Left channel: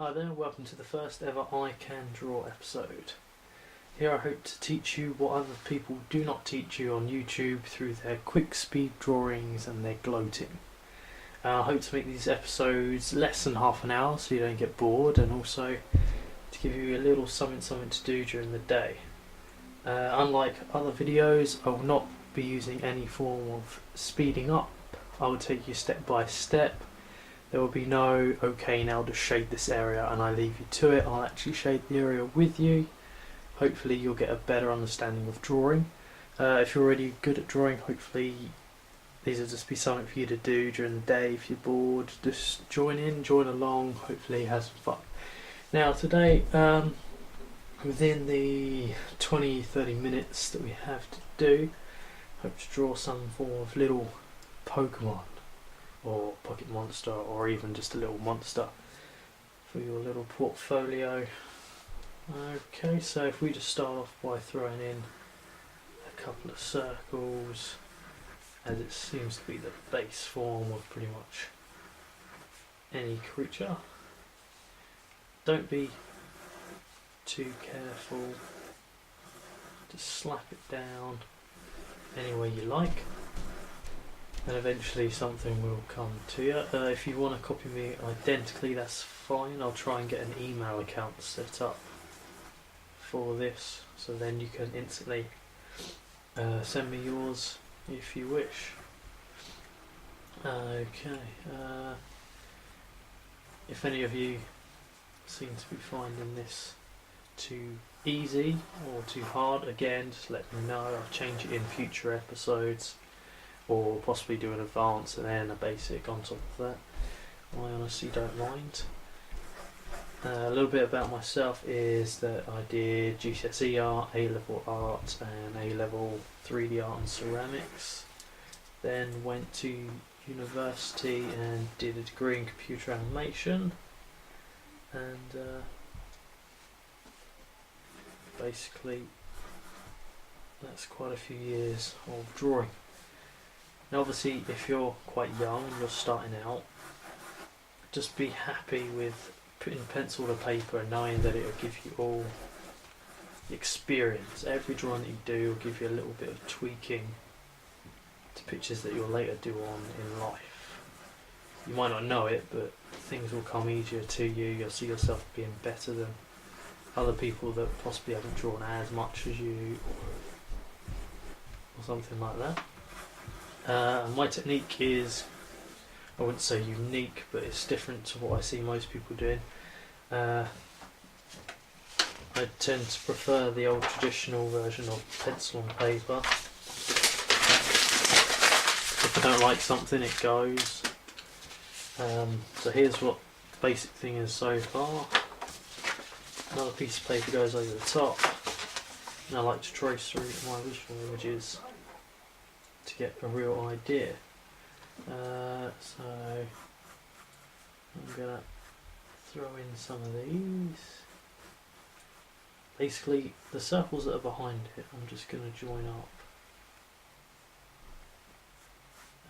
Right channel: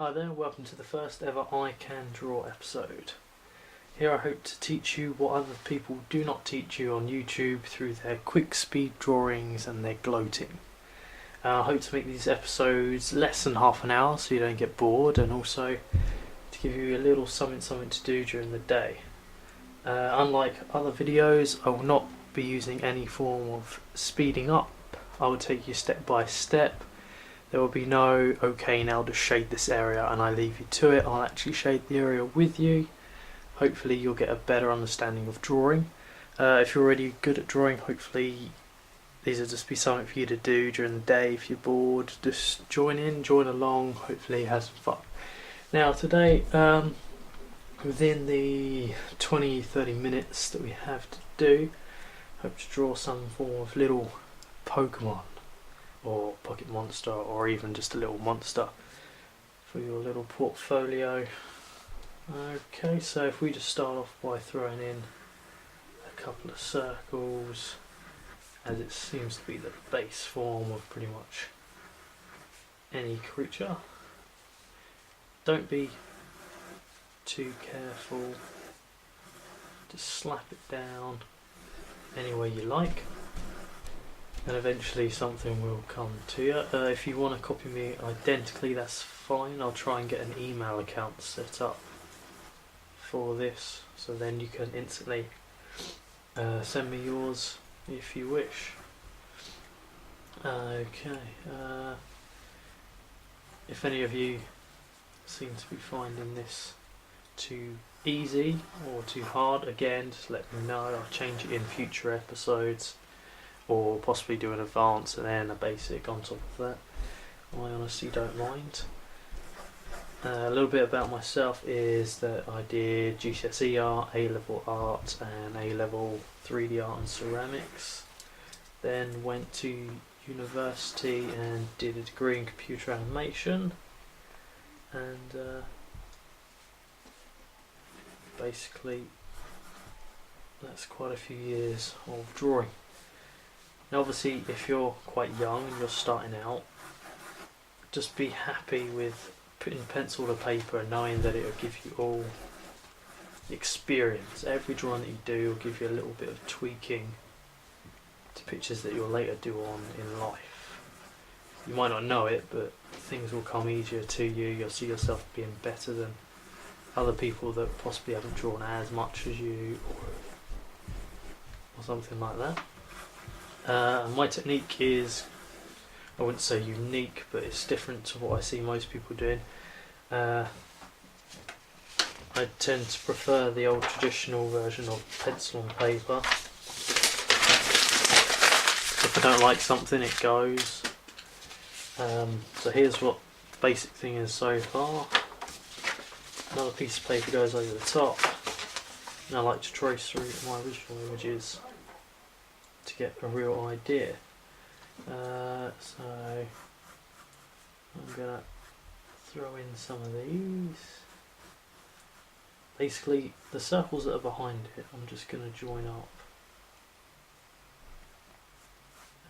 Hi there, welcome to the first ever I Can Draw episode. Here I hope to teach you what other people do not teach you on YouTube through their quick speed drawings and their gloating. I hope to make these episodes less than half an hour so you don't get bored, and also to give you a little something to do during the day. Unlike other videos, I will not be using any form of speeding up. I will take you step by step. There will be no, okay, now just shade this area and I leave you to it. I'll actually shade the area with you. Hopefully you'll get a better understanding of drawing. If you're already good at drawing, hopefully these will just be something for you to do during the day. If you're bored, just join along, hopefully have some fun. Now today, within the 20-30 minutes that we have to do, I hope to draw some form of little Pokemon or Pocket Monster, or even just a little monster for your little portfolio. Okay, so if we just start off by throwing in a couple of circles, as it seems to be the base form of pretty much any creature. Don't be too careful, just slap it down any way you like, and eventually something will come to you. If you want to copy me identically, that's fine. I'll try and get an email account set up for this, so then you can instantly send me yours if you wish. Okay, if any of you seem to be finding this too easy or too hard, again, just let me know. I'll change it in future episodes, or possibly do an advance and then a basic on top of that. I honestly don't mind. A little bit about myself is that I did GCSE art, A-level art and A-level 3D art and ceramics. Then went to university and did a degree in computer animation, and basically that's quite a few years of drawing. Now obviously if you're quite young and you're starting out, just be happy with putting pencil to paper and knowing that it will give you all the experience. Every drawing that you do will give you a little bit of tweaking to pictures that you'll later do on in life. You might not know it, but things will come easier to you. You'll see yourself being better than other people that possibly haven't drawn as much as you, or something like that. My technique is, I wouldn't say unique, but it's different to what I see most people doing. I tend to prefer the old traditional version of pencil and paper. If I don't like something, it goes. So here's what the basic thing is so far. Another piece of paper goes over the top, and I like to trace through my original images to get a real idea. So I'm gonna throw in some of these. Basically the circles that are behind it I'm just gonna join up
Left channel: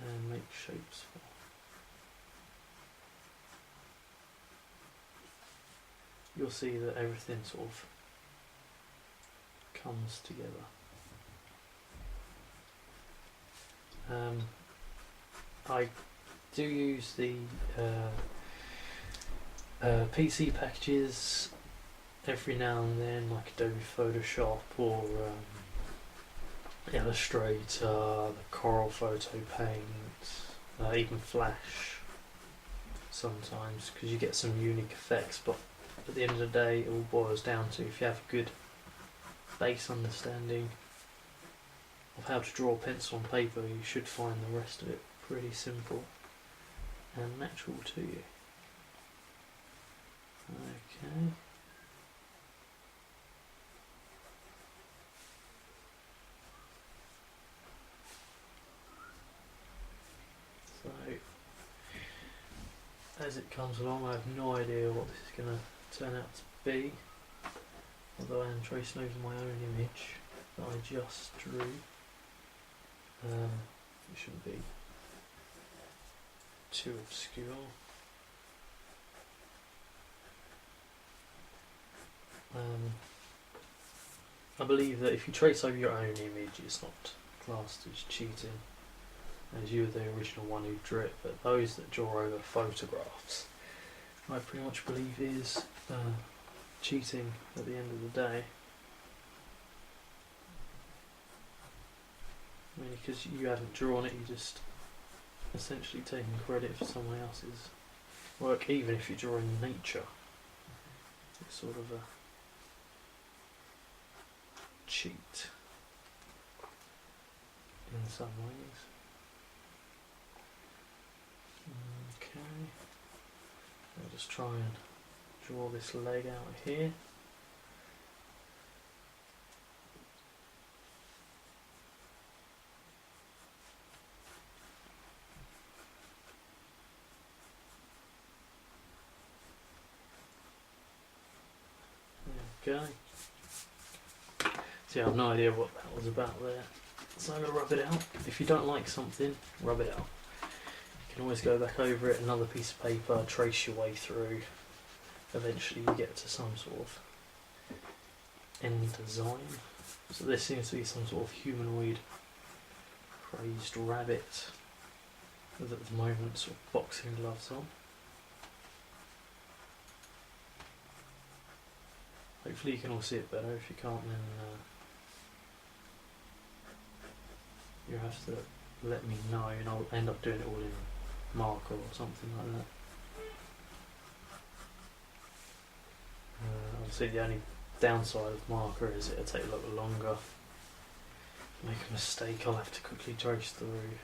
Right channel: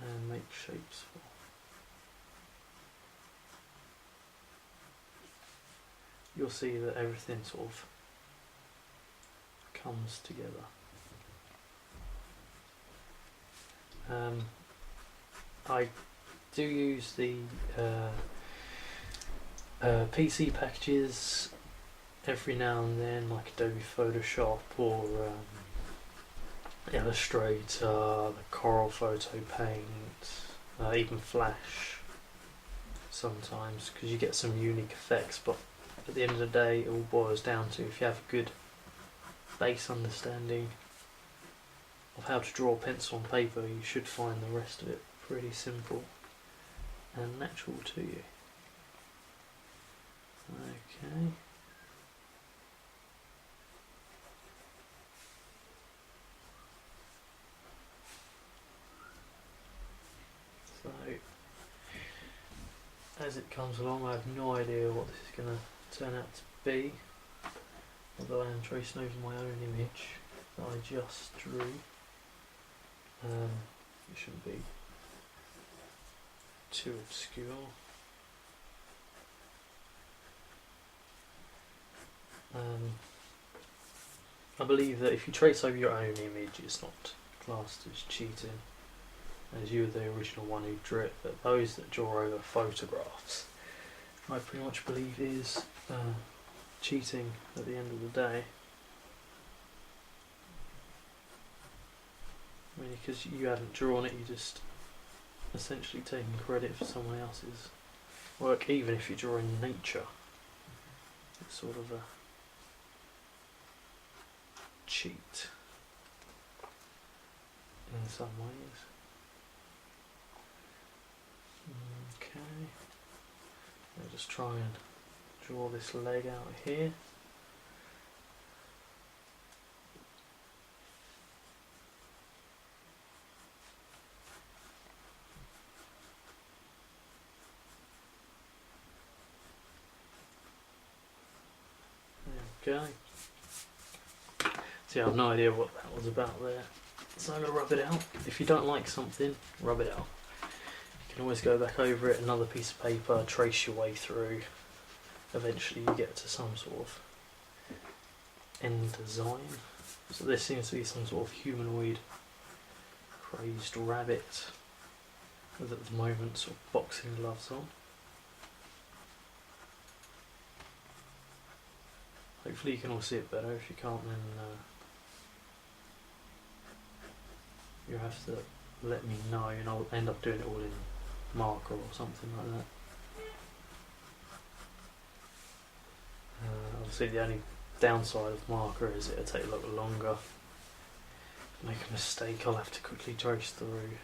and make shapes for. You'll see that everything sort of comes together. I do use the PC packages every now and then, like Adobe Photoshop or Illustrator, the Corel Photo Paint, even Flash sometimes, because you get some unique effects. But at the end of the day, it all boils down to, if you have a good base understanding of how to draw pencil and paper, you should find the rest of it pretty simple and natural to you. Okay. So, as it comes along, I have no idea what this is going to turn out to be, although I am tracing over my own image that I just drew. It shouldn't be too obscure. I believe that if you trace over your own image, it's not classed as cheating, as you were the original one who drew it, but those that draw over photographs, I pretty much believe is cheating at the end of the day. I mean, because you haven't drawn it, you just essentially taking credit for someone else's work, even if you're drawing nature. It's sort of a cheat in some ways. Okay, I'll just try and draw this leg out here. There we go. See, I have no idea what that was about there. So I'm going to rub it out. If you don't like something, rub it out. You can always go back over it, another piece of paper, trace your way through. Eventually you get to some sort of end design. So this seems to be some sort of humanoid crazed rabbit with at the moment sort of boxing gloves on. Hopefully you can all see it better. If you can't, then you have to let me know, and I'll end up doing it all in marker or something like that. Obviously the only downside of marker is it'll take a lot longer. If I make a mistake, I'll have to quickly trace through.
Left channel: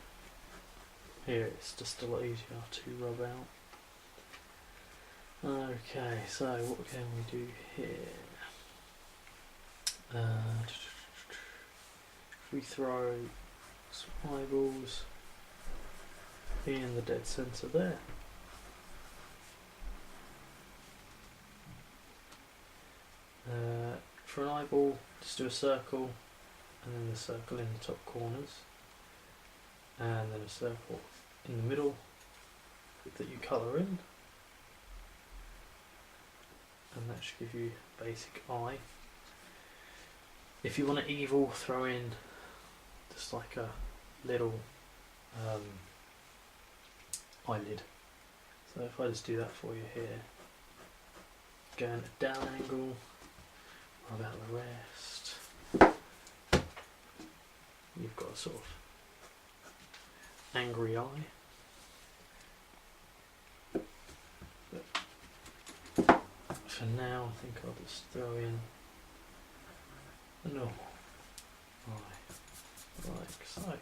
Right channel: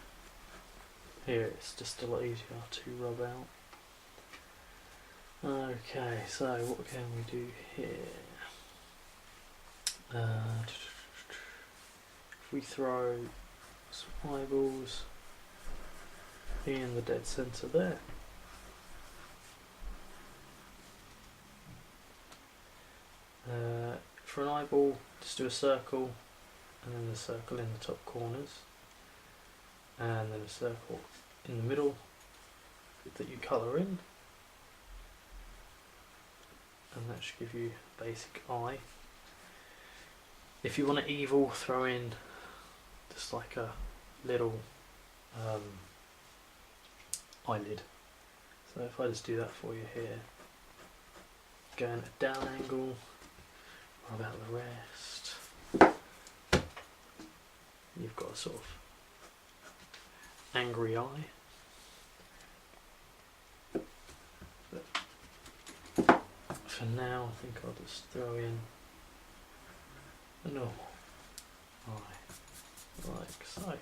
Here it's just a lot easier to rub out. Okay, so what can we do here? If we throw some eyeballs in the dead centre there. For an eyeball, just do a circle, and then a circle in the top corners, and then a circle in the middle that you colour in, and that should give you a basic eye. If you want an evil, throw in just like a little eyelid. So if I just do that for you here, go in a down angle, rub out the rest, you've got a sort of angry eye. But for now I think I'll just throw in a normal eye, like so.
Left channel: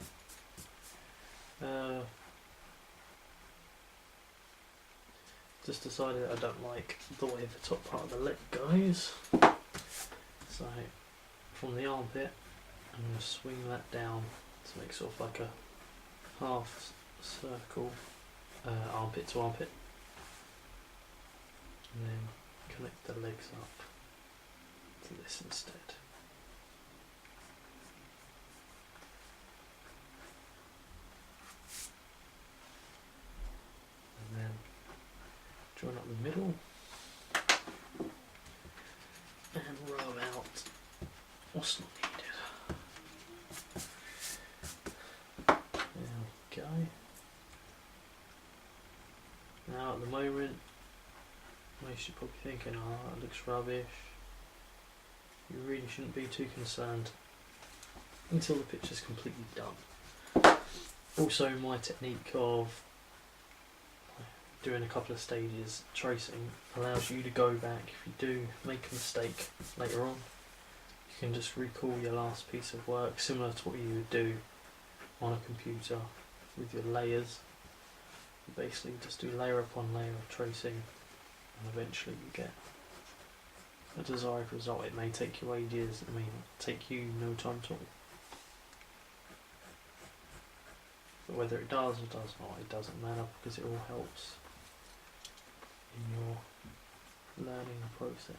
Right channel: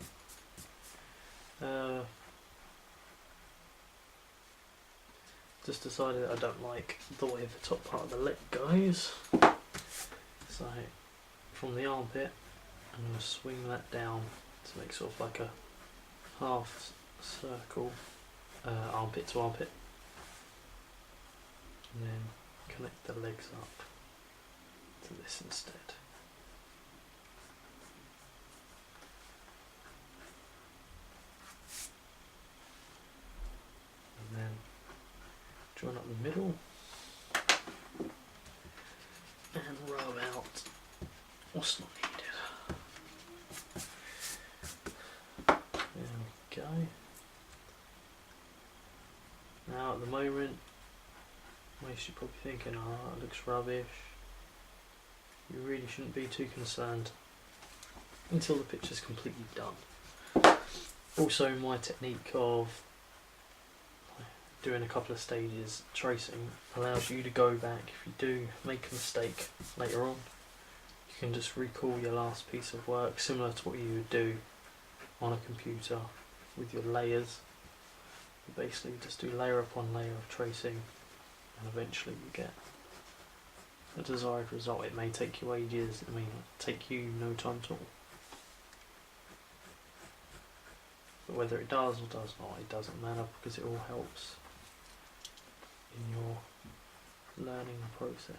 Just decided that I don't like the way the top part of the leg goes, so from the armpit I'm going to swing that down to make sort of like a half circle, armpit to armpit, and then connect the legs up to this instead. And then join up the middle and rub out what's not needed. There we go. Now at the moment, most you're probably thinking, oh, that looks rubbish. You really shouldn't be too concerned until the picture's completely done. Also, my technique of doing a couple of stages tracing allows you to go back if you do make a mistake later on. You can just recall your last piece of work, similar to what you would do on a computer with your layers. You basically just do layer upon layer of tracing, and eventually you get a desired result. It may take you ages, it may take you no time at all. But whether it does or does not, it doesn't matter, because it all helps in your learning process.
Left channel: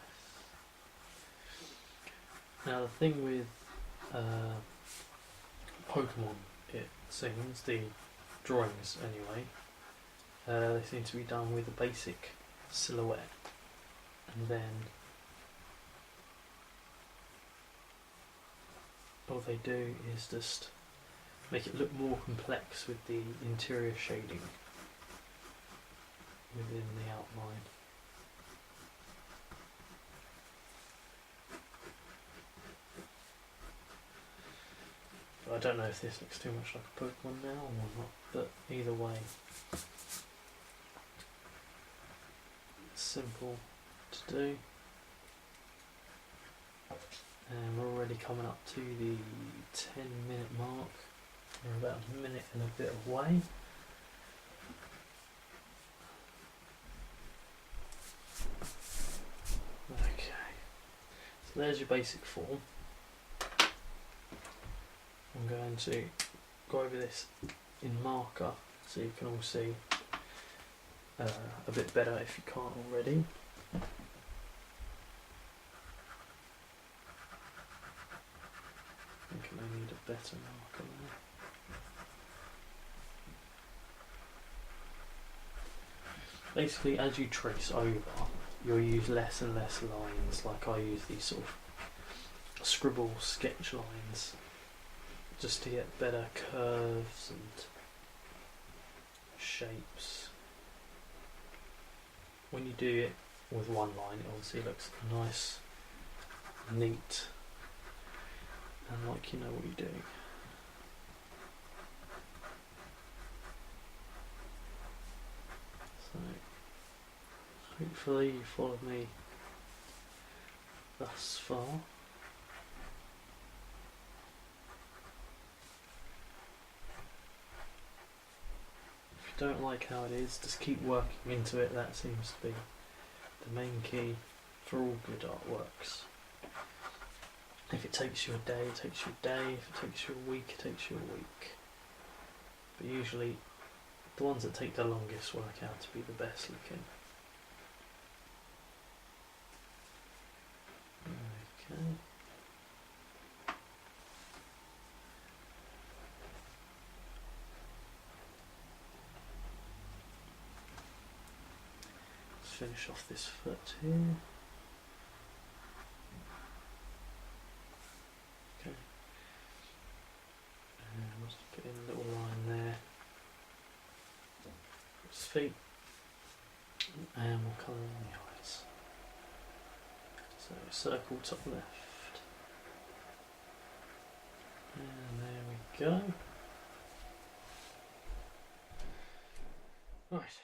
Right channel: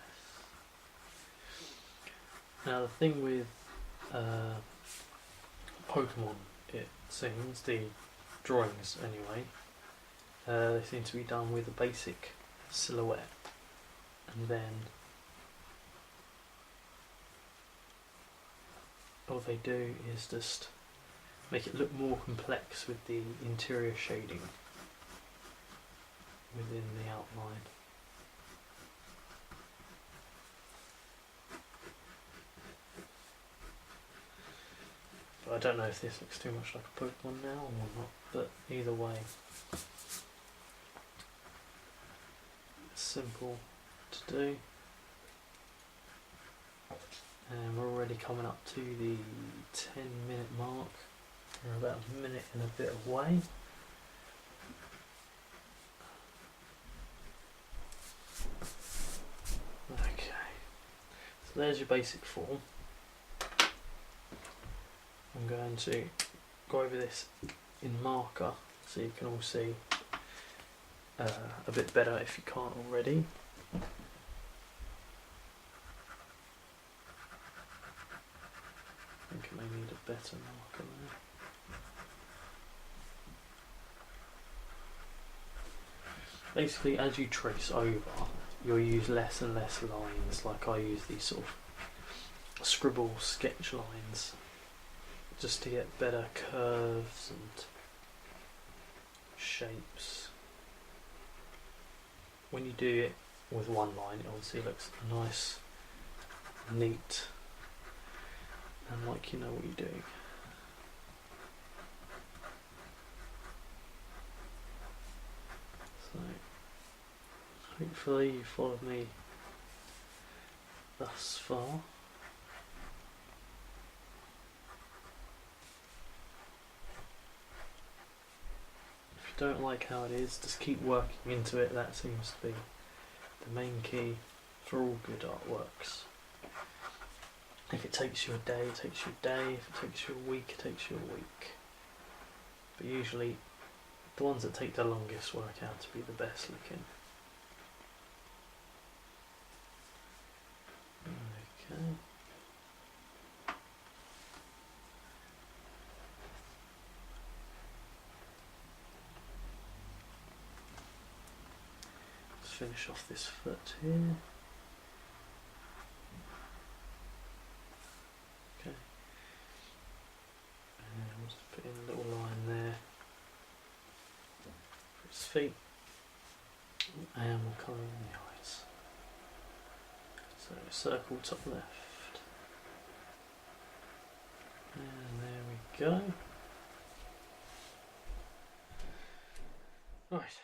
Now the thing with Pokemon, it seems, the drawings anyway, they seem to be done with a basic silhouette, and then all they do is just make it look more complex with the interior shading within the outline. But I don't know if this looks too much like a Pokemon now or not, but either way, it's simple to do. And we're already coming up to the 10-minute mark. We're about a minute and a bit away. Okay, so there's your basic form. I'm going to go over this in marker so you can all see a bit better if you can't already. I think I may need a better marker there. Basically, as you trace over, you'll use less and less lines, like I use these sort of scribble sketch lines, just to get better curves and shapes. When you do it with one line, it obviously looks nice, neat, and like you know what you're doing. So hopefully you followed me thus far. If you don't like how it is, just keep working into it. That seems to be the main key for all good artworks. If it takes you a day, it takes you a day. If it takes you a week, it takes you a week. But usually the ones that take the longest work out to be the best looking. Okay. Let's finish off this foot here. Okay. And we'll just put in a little line there for its feet. And we'll colour in the eyes. So circle top left. And there we go. Right.